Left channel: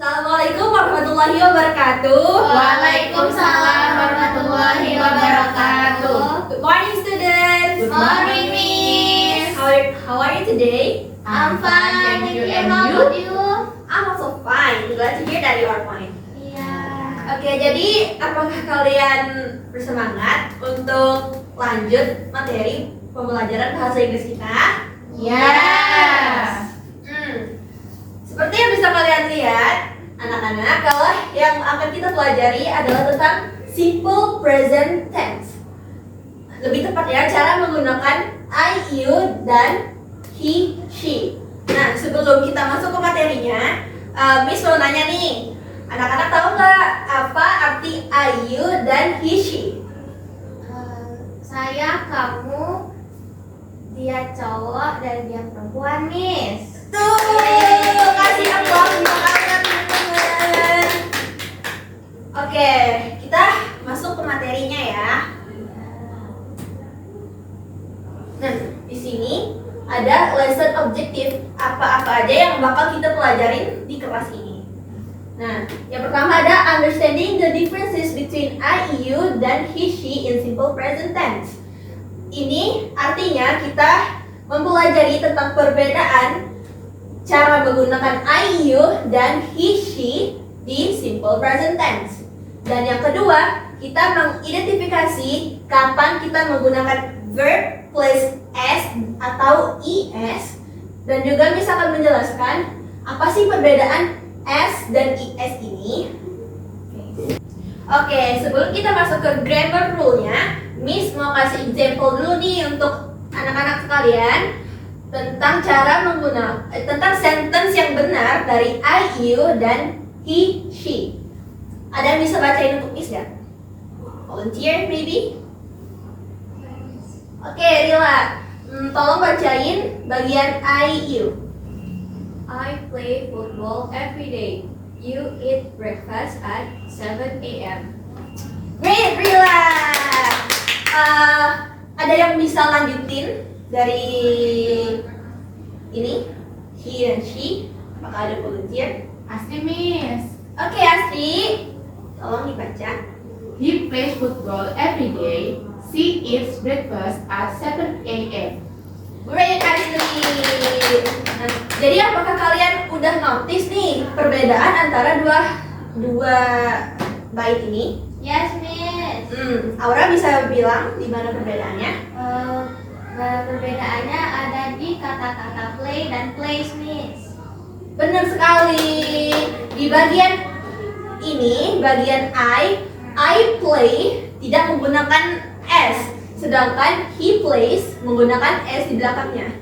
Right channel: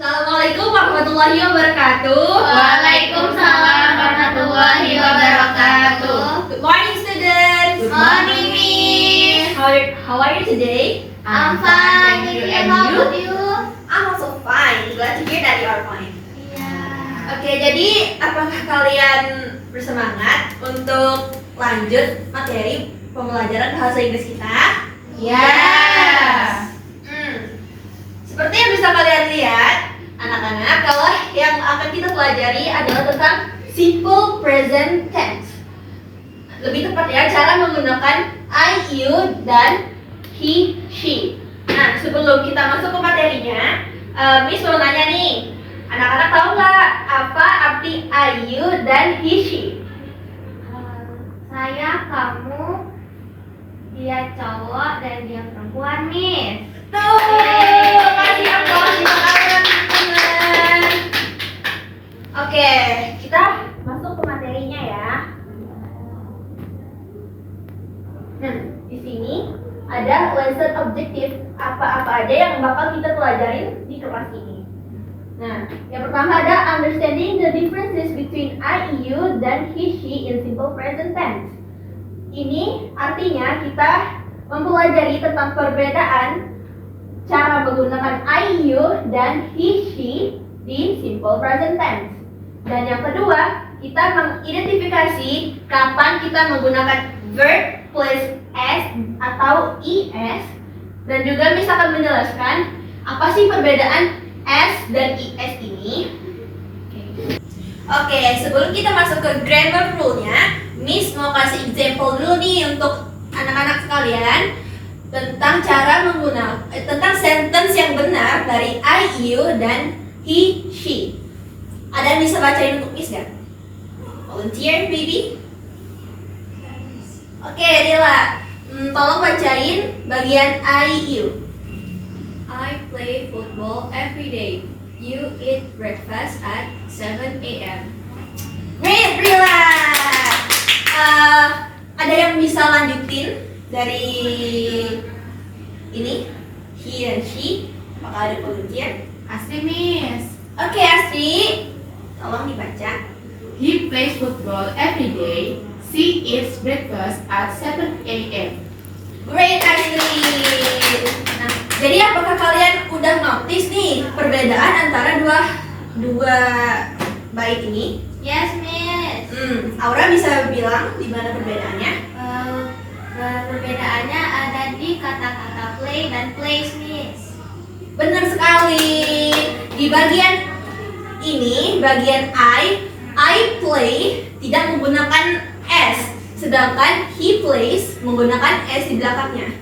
Assalamualaikum warahmatullahi wabarakatuh. Waalaikumsalam warahmatullahi wabarakatuh. Good morning, students. Good morning, Miss. How are you today? I'm fine, thank you. And how about you? I'm also fine. Glad to hear that you are fine. Yeah. Oke, jadi apakah kalian bersemangat untuk lanjut materi pembelajaran bahasa Inggris kita? Yes. Seperti yang bisa kalian lihat, anak-anak, kalau yang akan kita pelajari adalah tentang simple present tense. Lebih tepatnya cara menggunakan I, you, dan he, she. Nah, sebelum kita masuk ke materinya, Miss mau nanya nih, anak-anak tahu nggak apa arti I, you, dan he, she? Saya, kamu, dia cowok dan dia perempuan, Miss. Tuh, kasih aplaus untuk kalian teman-teman. Oke, kita masuk ke materinya ya. Nah, di sini ada lesson objektif apa-apa aja yang bakal kita pelajarin di kelas ini. Nah, yang pertama ada understanding the differences between I, you, dan he, she in simple present tense. Ini artinya kita mempelajari tentang perbedaan cara menggunakan I, you, dan he, she di simple present tense. Dan yang kedua, kita mengidentifikasi kapan kita menggunakan verb plus s atau es. Dan juga Miss akan menjelaskan apa sih perbedaan s dan es ini. Oke, sebelum kita masuk ke grammar rule-nya, Miss mau kasih example dulu nih untuk anak-anak sekalian tentang cara menggunakan tentang sentence yang benar dari I, you, dan he, she. Ada yang bisa bacain untuk Miss gak? Volunteer maybe? Oke, Rila, tolong bacain bagian I, you. I play football every day. You eat breakfast at 7 a.m. Great, Rila. Ada yang bisa lanjutin dari ini, he dan she? Apakah ada volunteer? Astri, Miss. Oke, Astri, tolong dibaca. He plays football every day. She eats breakfast at 7 a.m. Great, Astri. Nah, jadi apakah kalian udah notice nih perbedaan antara dua bait ini? Yes, Miss. Aura bisa bilang di mana perbedaannya? Perbedaannya ada di kata-kata play dan plays, Miss. Benar sekali. Di bagian ini, bagian I play tidak menggunakan s, sedangkan he plays menggunakan s di belakangnya.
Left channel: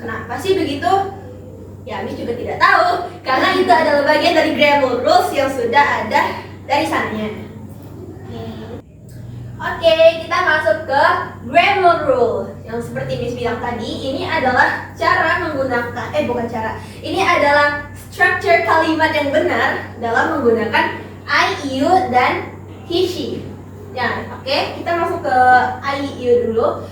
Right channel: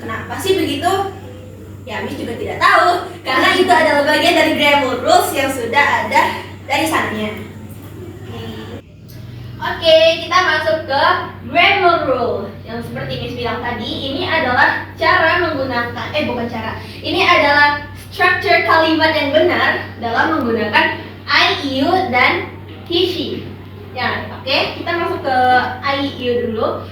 Kenapa sih begitu? Ya, Miss juga tidak tahu, karena itu adalah bagian dari grammar rules yang sudah ada dari sananya. Oke, kita masuk ke grammar rule. Yang seperti Miss bilang tadi, ini adalah cara menggunakan ini adalah structure kalimat yang benar dalam menggunakan I, you, dan he, she. Ya, oke, kita masuk ke I, you dulu.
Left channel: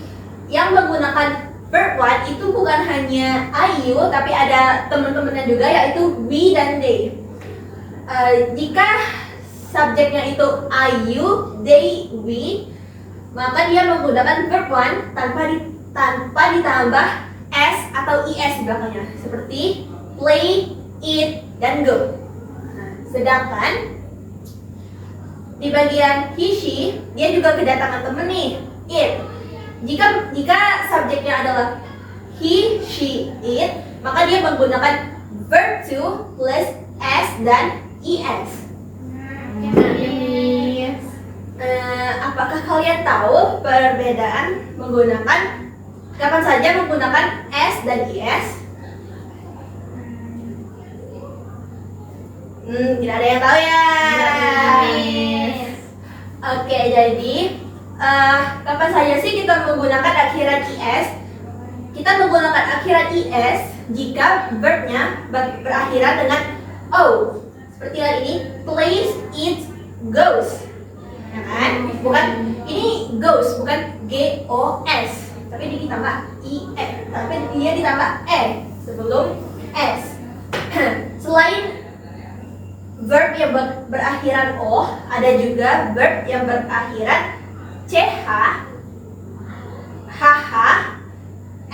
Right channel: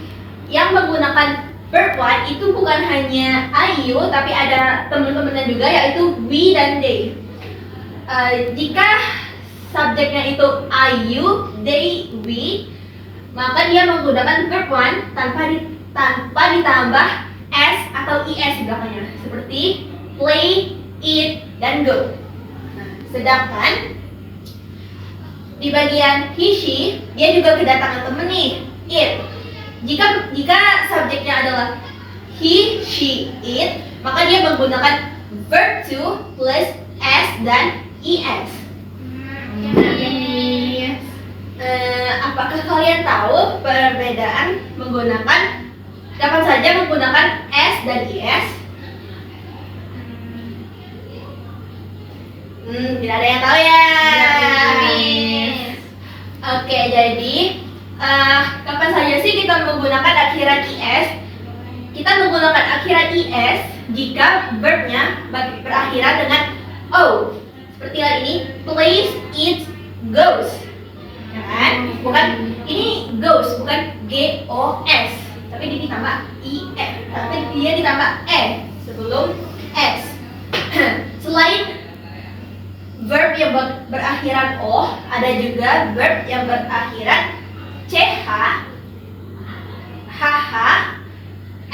Yang menggunakan verb one itu bukan hanya I, you, tapi ada teman-temannya juga, yaitu we dan they. Jika subjeknya itu I, you, they, we, maka dia menggunakan verb one tanpa ditambah s atau es di belakangnya, seperti play, eat, dan go. Nah, sedangkan di bagian he, she, dia juga kedatangan temen nih, eat. Jika subjeknya adalah he, she, eat, maka dia menggunakan verb to plus s dan es. Apakah kalian tahu perbedaan kapan saja menggunakan s dan es? Tidak ada yang tahu ya. Oke, jadi kapan saja sih kita menggunakan akhiran es? Kita menggunakan akhiran es jika verbnya berakhiran dengan o. Seperti hal ini, plays, eats, goes. Ya kan? Bukan ini goes, bukan GOS, tapi dia ditambah IE, tapi dia ditambah E sebelum S. Selain verb yang berakhiran O, ada juga verb yang berakhiran CH, HH,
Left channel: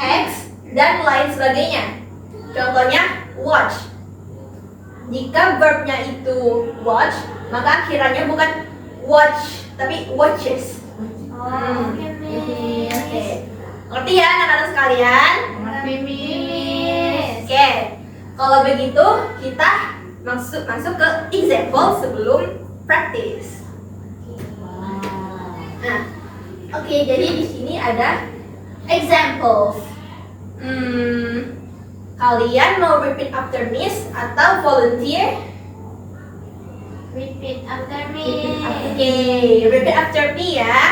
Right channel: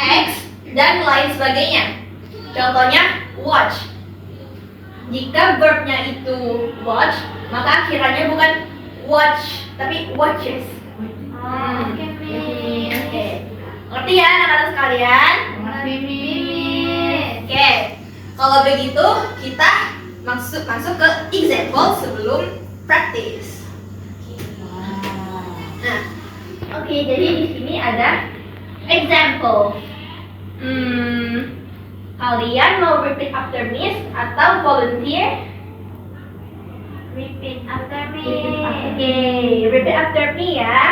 X, dan lain sebagainya. Contohnya watch. Jika verbnya itu watch, maka akhirannya bukan watch, tapi watches. Oke, Miss. Oke. Ngerti ya anak-anak sekalian? Mengerti, Miss. Oke. Kalau begitu, kita masuk ke example sebelum practice. Nah, oke, jadi di sini ada examples. Kalian mau repeat after Miss atau volunteer? Repeat after me. Oke, repeat after me ya. Ya.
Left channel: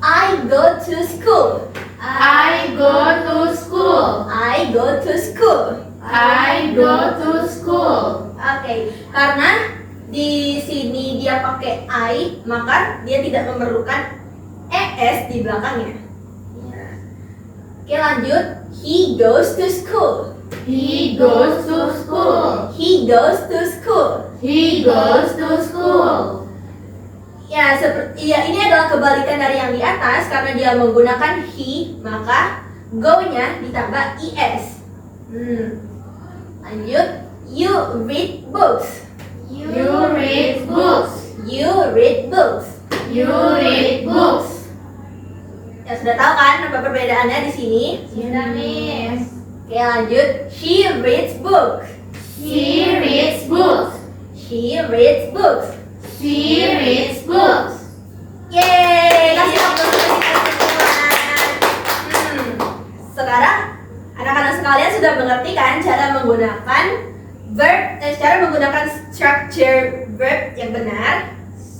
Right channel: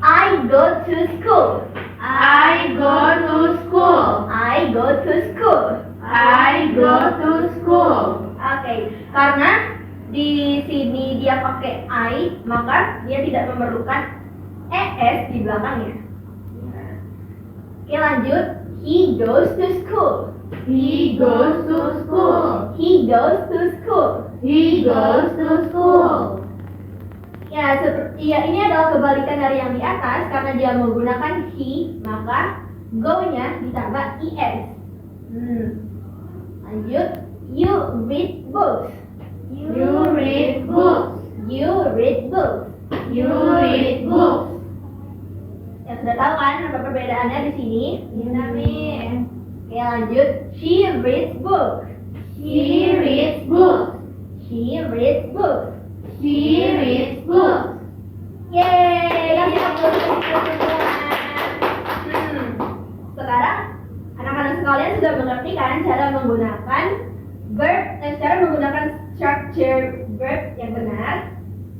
I go to school. I go to school. I go to school. I go to school. Oke, karena di sini dia pakai I, maka dia tidak memerlukan es di belakangnya. Oke, lanjut. He goes to school. He goes to school. He goes to school. He goes to school. Ya, ini adalah kebalikan dari yang di atas karena dia menggunakan he, maka go-nya ditambah es. Lanjut. You read books. You read books. You read books. You read books. Ya, sudah tahu kan apa perbedaannya di sini? Sudah, Miss. Oke, lanjut. She reads books. She reads books. She reads books. She reads books. Yeay, kasih tepuk tangan semua. Sekarang anak-anak sekalian sudah mengerti kan cara menggunakan cara menggunakan structure verb yang benar?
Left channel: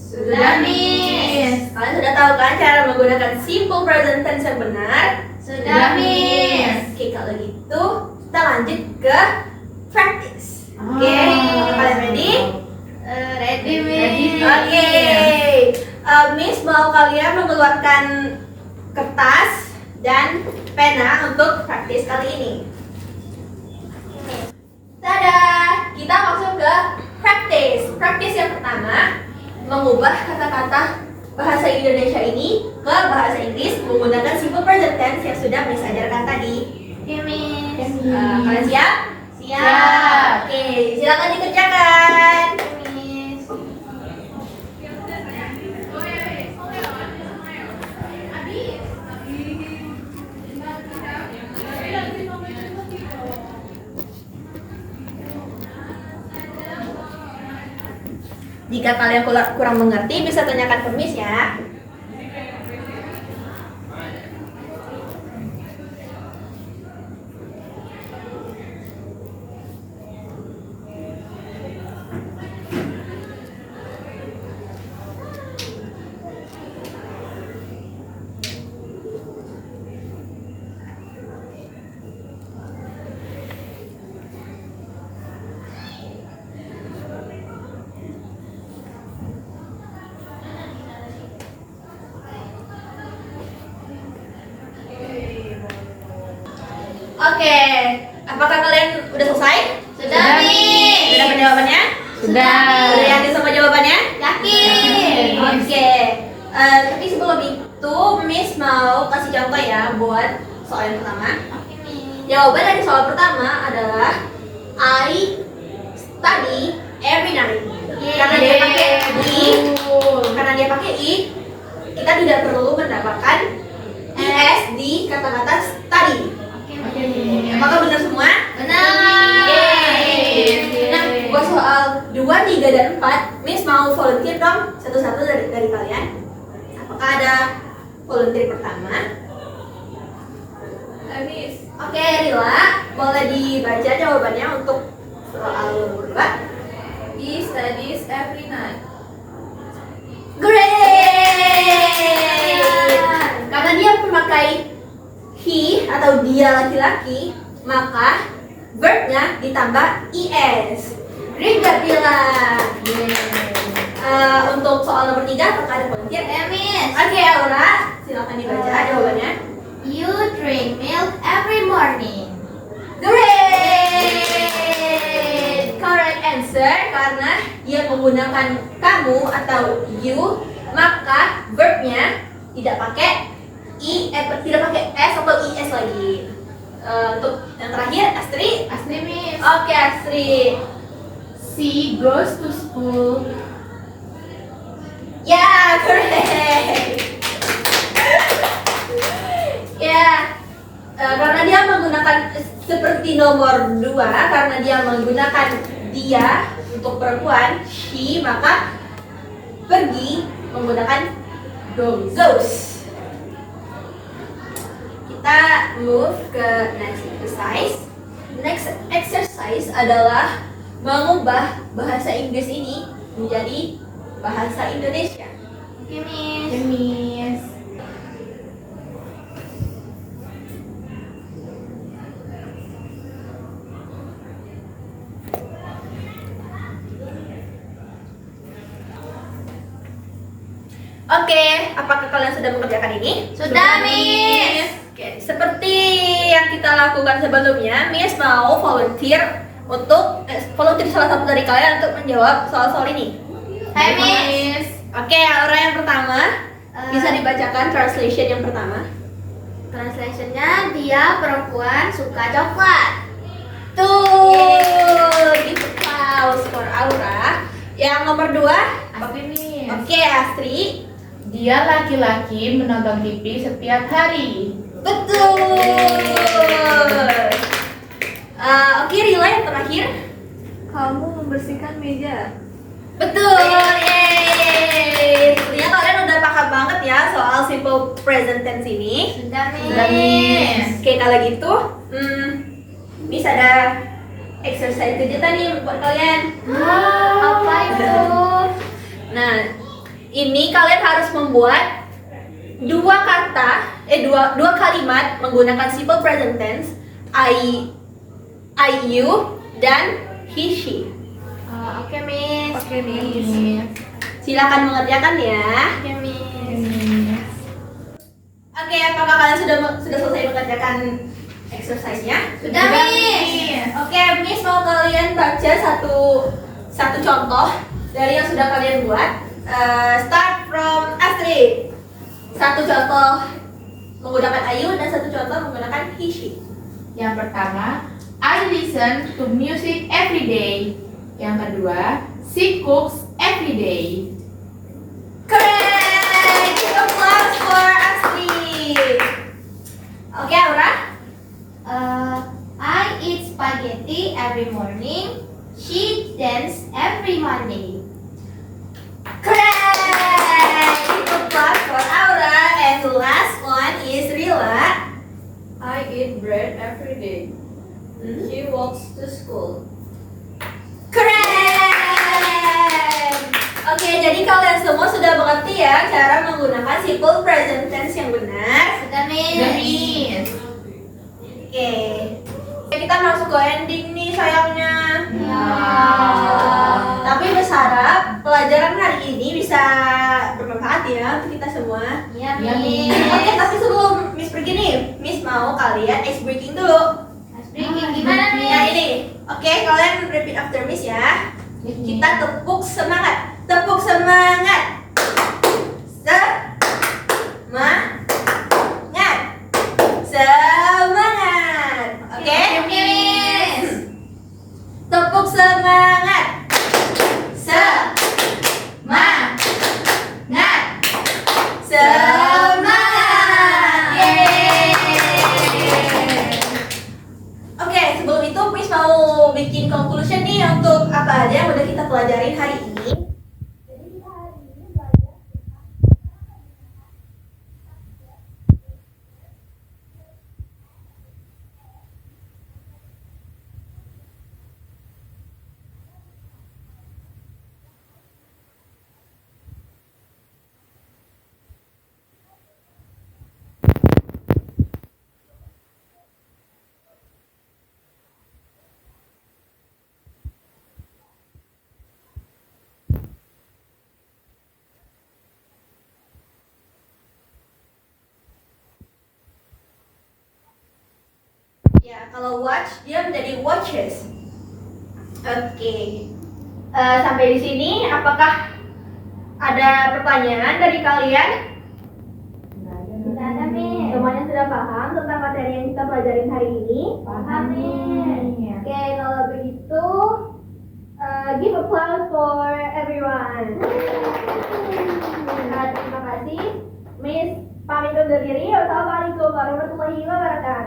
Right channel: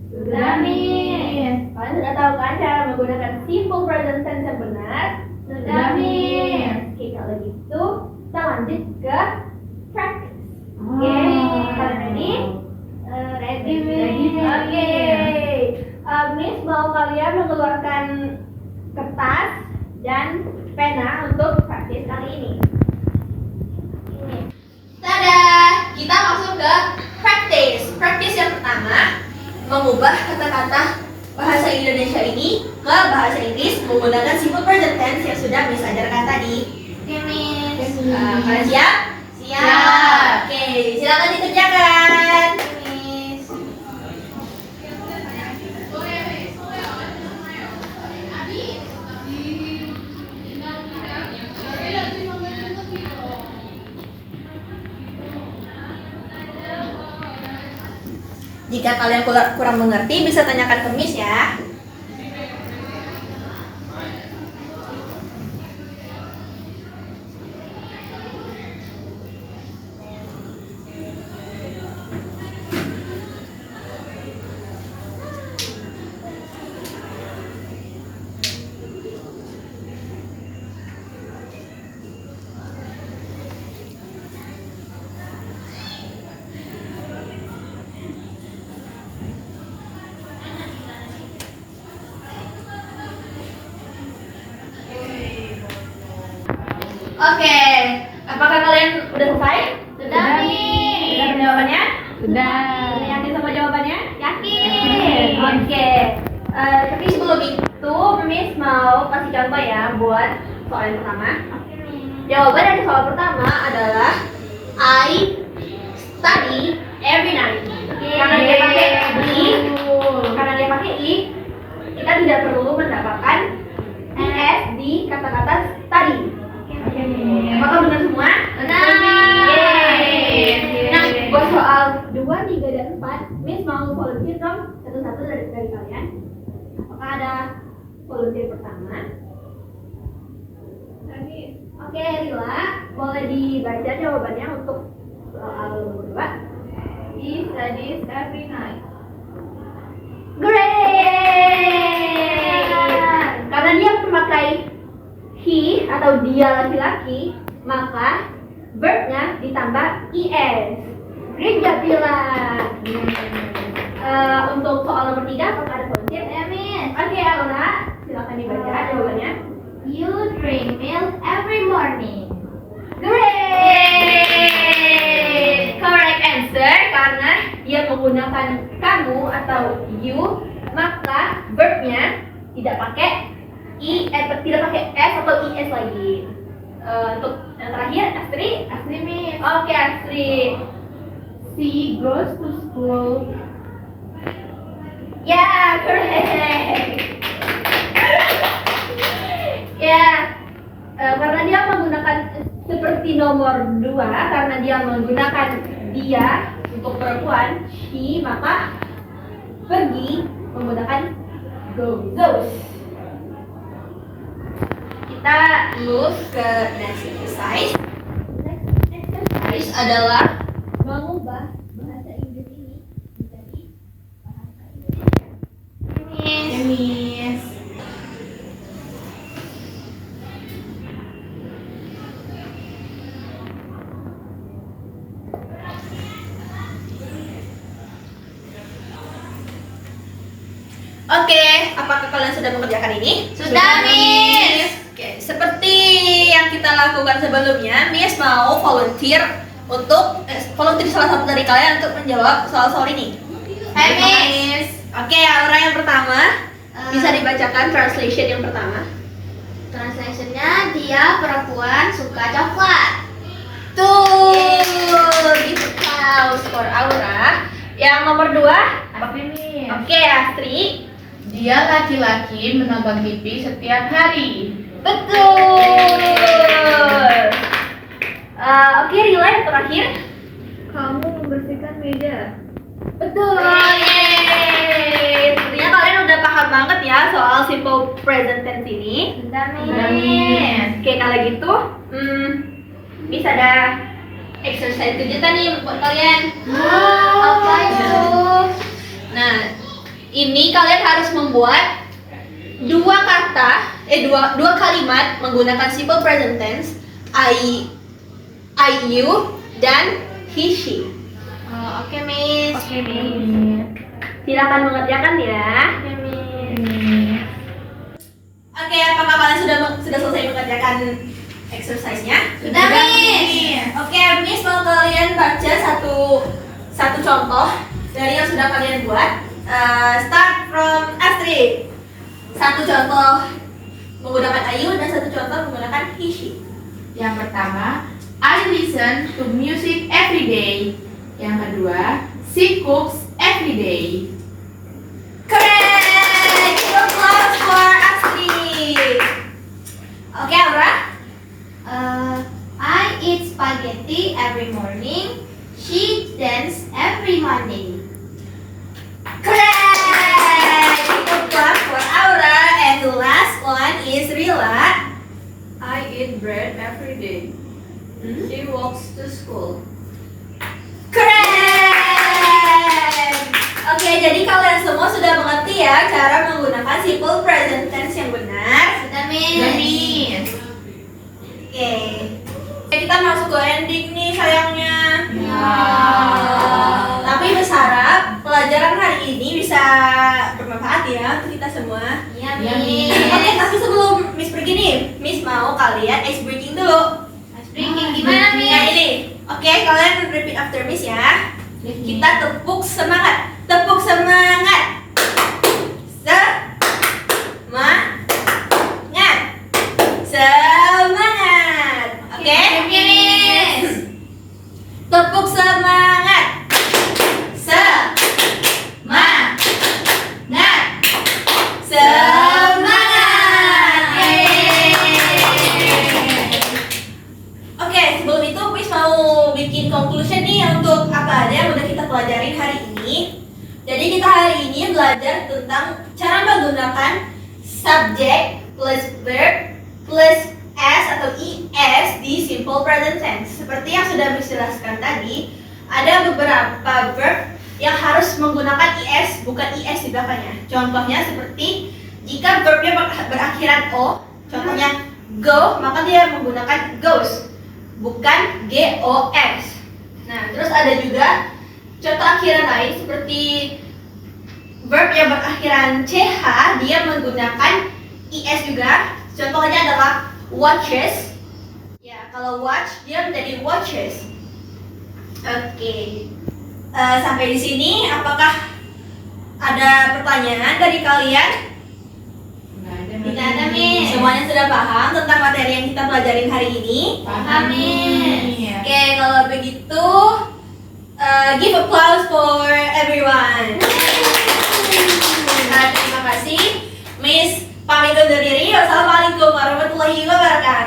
Sudah, Miss. Kalian sudah tahu kan cara menggunakan simple present tense yang benar? Sudah, Miss. Oke, kalau gitu kita lanjut ke practice. Oke, kalian ready? Ready, Ready, Miss. Miss. Oke, Miss mau kalian mengeluarkan kertas dan pena untuk praktis kali ini. Tada, kita masuk ke practice. Practice yang pertama, mengubah kata-kata bahasa Indonesia ini ke bahasa Inggris menggunakan simple present tense yang sudah Miss ajarkan tadi. Oke, Miss. Kalian siap? Siap. Oke, silakan dikerjakan. Oke, Miss. Jika kalian kurang mengerti, bisa tanyakan ke Miss ya. Oke, apakah kalian udah selesai? Sudah, Miss. Sudah dapat jawabannya? Sudah. Udah yakin sama jawabannya? Yakin. Oke. Tapi sebelum itu, Miss mau kasih contoh ya buat soal yang pertama. Oke, Miss. Jawaban dari soal pertama adalah I study every night. Karena dia pakai I, karena dia pakai I, kita tidak perlu mendapatkan es di kata-kata study. Oke, Miss. Apakah benar semua? Benar. Yeay. Nah, buat soal 2, 3, dan 4, Miss mau volunteer dong satu-satu dari kalian. Apakah ada volunteer pertama? Miss. Oke, Rila, boleh dibaca jawabannya untuk soal nomor 2. He studies every night. Great! Karena dia memakai he atau dia laki-laki, maka verbnya ditambah es. Great job, Rila. Untuk soal nomor 3, apakah ada volunteer? Ya, Miss. Oke, Aura, silakan dibaca jawabannya. You drink milk every morning. Great! Correct answer karena yang menggunakan kamu atau you, maka verbnya tidak pakai tidak pakai s atau is lagi. Untuk yang terakhir, Astri. Asli, Miss. Oke, Astri. She goes to school. Ya, correct. Ya, karena dia menggunakan seperti nomor 2, karena dia menggunakan dia untuk perempuan, she, maka pergi menggunakan goes. Kita move ke next exercise. Next exercise adalah mengubah bahasa Inggris ini menjadi bahasa Indonesia. Oke, Miss. Ya, Miss. Oke, apakah kalian sudah mengerjakan ini? Sudah, Miss. Oke, seperti yang kita lakukan sebelumnya, Miss mau volunteer salah satu dari kalian untuk menjawab soal-soal ini. Miss. Oke, Aura yang pertama bisa dibacakan translation yang pertama. Translationnya, dia perempuan suka coklat. Tuh, gitu house for Aura. Yang nomor 2, Asli, Miss. oke Astri. Dia laki-laki menonton TV setiap hari. Betul. Oke, Rila yang terakhir. Kamu membersihkan meja. Betul. Yeay. Sepertinya kalian udah paham banget ya soal simple present tense ini. Sudah, Sudah, Miss. Miss. Oke, kalau gitu, Miss ada exercise kejutan nih buat kalian. Apa itu? Nah, ini kalian harus membuat dua kalimat menggunakan simple present tense, I, you, dan he, she. Oke, Miss. Oke, Miss. Miss. Silakan mengerjakan ya. Oke, Miss. Miss. Oke, apakah kalian sudah selesai mengerjakan exercise-nya? Sudah, Miss. Oke, Miss mau kalian baca satu contoh dari yang sudah kalian buat. Start from Astrid. Satu contoh menggunakan Ayu dan satu contoh menggunakan he, she. Yang pertama, I listen to music every day. Yang kedua, she cooks every day. Correct! Give applause for Astrid. Oke, Aura. I eat spaghetti every morning. She dance every Monday. Correct! Give applause for Aura. And the last one is Rila. I eat bread every day. She walks to school. Keren. Oke, jadi kalian semua sudah mengerti ya cara menggunakan simple present tense yang benar. Sudah, Miss. Sudah, Miss. Oke. Kita masuk ke ending nih sayangnya. Wow. Tapi berharap pelajaran hari ini bisa bermanfaat ya untuk kita semua. Iya, Iya, Miss. Oke, tapi sebelum Miss pergi nih, Miss mau kalian ice breaking dulu. Ice breaking gimana, Miss? Ya ini. Oke, kalian repeat after Miss ya. Kita tepuk semangat. Tepuk semangat. Semangat. Oke? Oke, Miss. Tepuk semangat. Semangat. Semangat. Yeay. Oke, sebelum itu Miss mau bikin conclusion nih untuk apa aja yang udah kita pelajarin hari ini. Jadi kita hari ini belajar tentang cara menggunakan subject plus verb plus s atau es di simple present tense. Seperti yang sudah Miss jelaskan tadi, ada beberapa verb yang harus menggunakan es, bukan is di belakangnya. Contohnya seperti jika verbnya berakhiran o, contohnya go, maka dia menggunakan goes, bukan gos. Nah, terus ada juga contoh akhiran lain seperti verb yang berakhiran ch, dia menggunakan is juga. Contohnya adalah watches. Ya, kalau watch dia menjadi watches. Oke. sampai di sini, apakah ada pertanyaan dari kalian? Tidak ada, Miss. Semuanya sudah paham tentang materi yang kita pelajarin hari ini? Paham, Miss. Oke, kalau begitu, give applause for everyone. Nah, terima kasih. Miss pamit undur diri. Wassalamualaikum warahmatullahi wabarakatuh.